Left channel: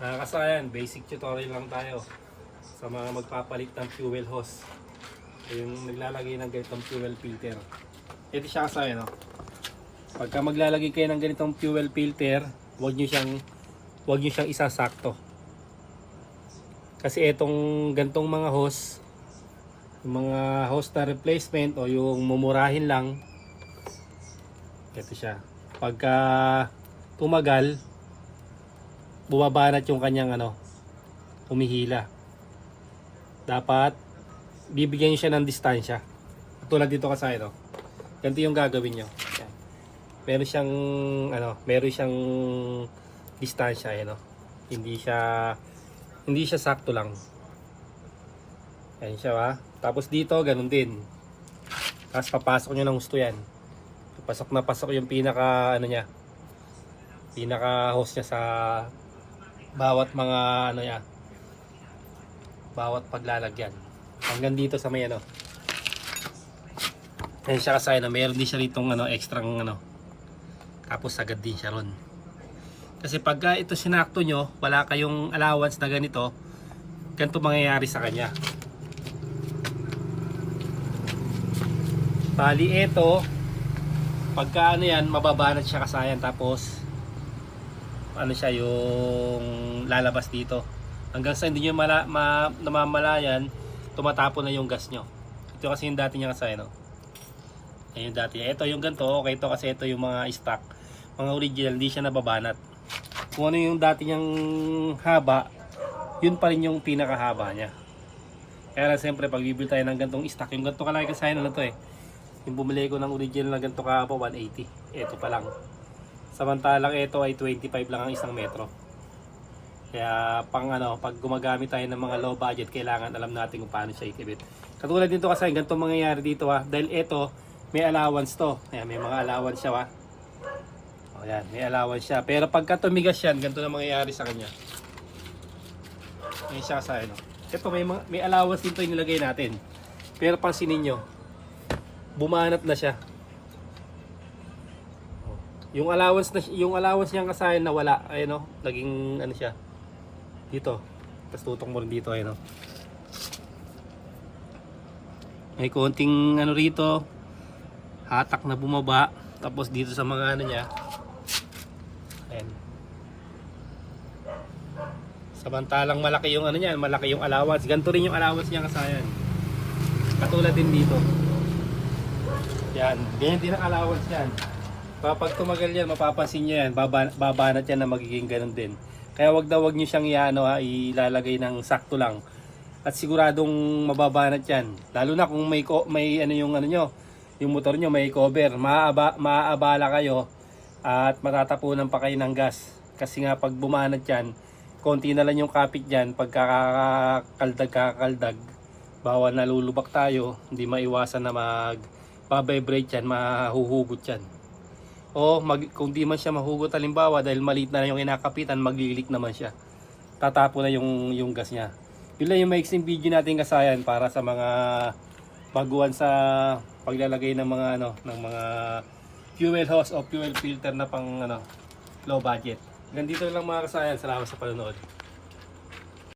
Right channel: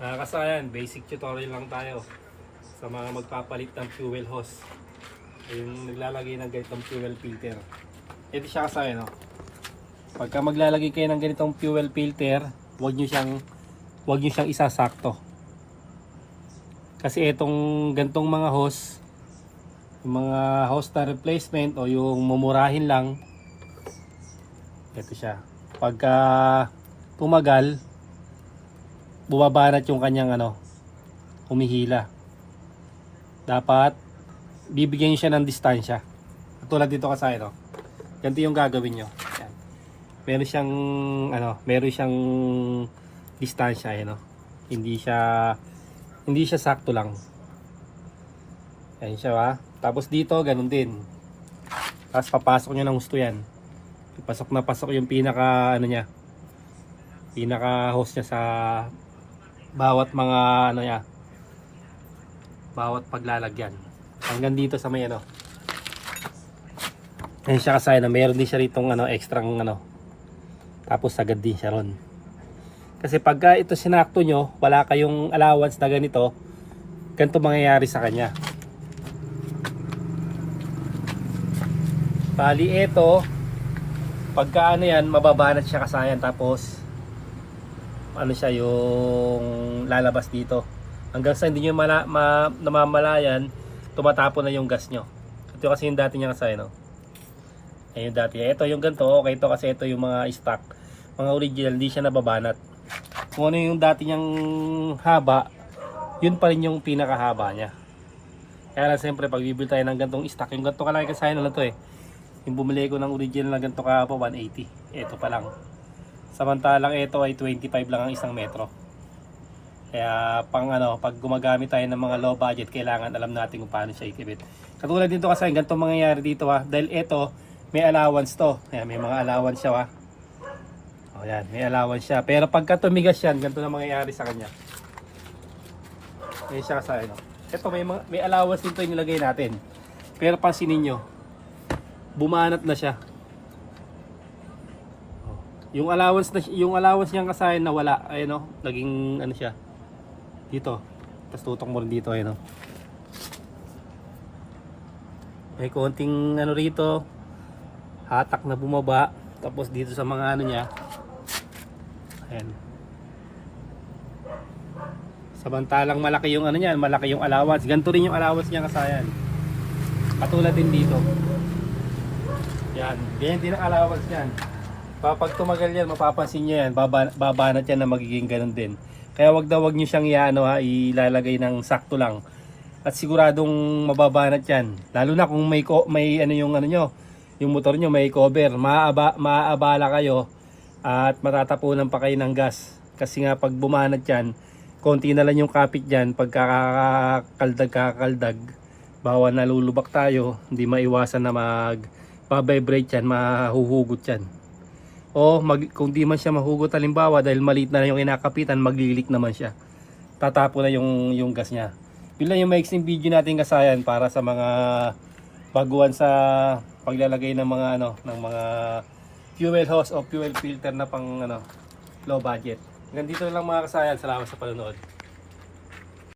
Kasayan, basic tutorial lang tayo sa mga magpapalit ng fuel hose. Yung naglalagay ng ganitong fuel filter. Ito siya kasayan, no? Pagka maglalagay kayo ng ganitong fuel filter, huwag nyo siyang isasakto. Kasi itong ganitong mga hose, yung mga hose na replacement o yung mumurahin lang, ito siya. Pagka tumagal, bumabanat yung kanyang humihila. Dapat bibigyan nyo siya ng distansya. Tulad dito kasi ganito yung gagawin nyo. Yan. Meron siyang distansya, Hindi siya sakto lang. Yan siya, Tapos dito ganun din. Tapos papasok nyo ng gusto yan. Pasok na pasok yung pinaka pinaka hose niya sa bawat mga bawat paglalagyan hanggang dito sa may Ayan siya kasi meron din siya ritong extrang tapos agad din siya ron. Kasi pagka ito sinakto nyo, wala kayong allowance na ganito mangyayari sa kanya. Bali ito, pagka yan, mababanat siya kasayan, tapos siya yung lalabas dito hanggang sa hindi nyo namamalayan, tumatapon na yung gas nyo. Ito kasi yung dati niya kasi ayun yung dati niya. Ito yung ganito, okay ito kasi ito yung mga stock, mga original, hindi siya nababanat. Kung ano yung dati niyang haba, yun pa rin yung pinakahaba niya. Kaya siyempre pag bibili tayo ng gantong stock, yung ganito kalaki kasi to yung bumili ko ng original na ganito kahaba 180, ito pa lang. Samantalang ito ay 25 lang ang isang metro. Kaya pag gumagamit tayo ng mga low budget, kailangan alam natin kung paano siya ikibit. Katulad dito kasi ganito mangyayari dito dahil ito may allowance to. Ayan, may mga allowance siya Ayan, may allowance siya. Pero pagka tumigas yan, ganito na mangyayari sa kanya. Ayan siya sa Ito may allowance dito yung nilagay natin. Pero pansinin nyo, bumanat na siya. Yung allowance niya kasayan na wala, naging siya. Dito. Tapos tutok mo rin dito, May konting rito, hatak na bumaba, tapos dito sa mga niya. Ayan. Samantalang malaki yung niyan, malaki yung allowance. Ganito rin yung allowance niya kasayan. Katulad din dito. Yan, ganyan din ang allowance yan. Pag tumagal yan, mapapansin nyo yan, babanat yan na magiging ganun din. Kaya wag nyo siyang ilalagay ng sakto lang. At siguradong mababanat yan. Lalo na kung may yung motor nyo may cover, maaabala kayo at matatapunan pa kayo ng gas. Kasi nga pag bumanat yan, konti na lang yung kapit dyan, pagkakakaldag, bawa nalulubak tayo, hindi maiwasan na babibrate yan, mahuhugot yan. O kung di man siya mahugot halimbawa dahil maliit na yung kinakapitan, maglilik naman siya. Tatapo na yung gas niya. Yun lang yung maiksing video natin kasayan para sa mga baguhan sa paglalagay ng mga ng mga fuel hose o fuel filter na pang low budget. Hanggang dito lang mga kasayan. Salamat sa panonood.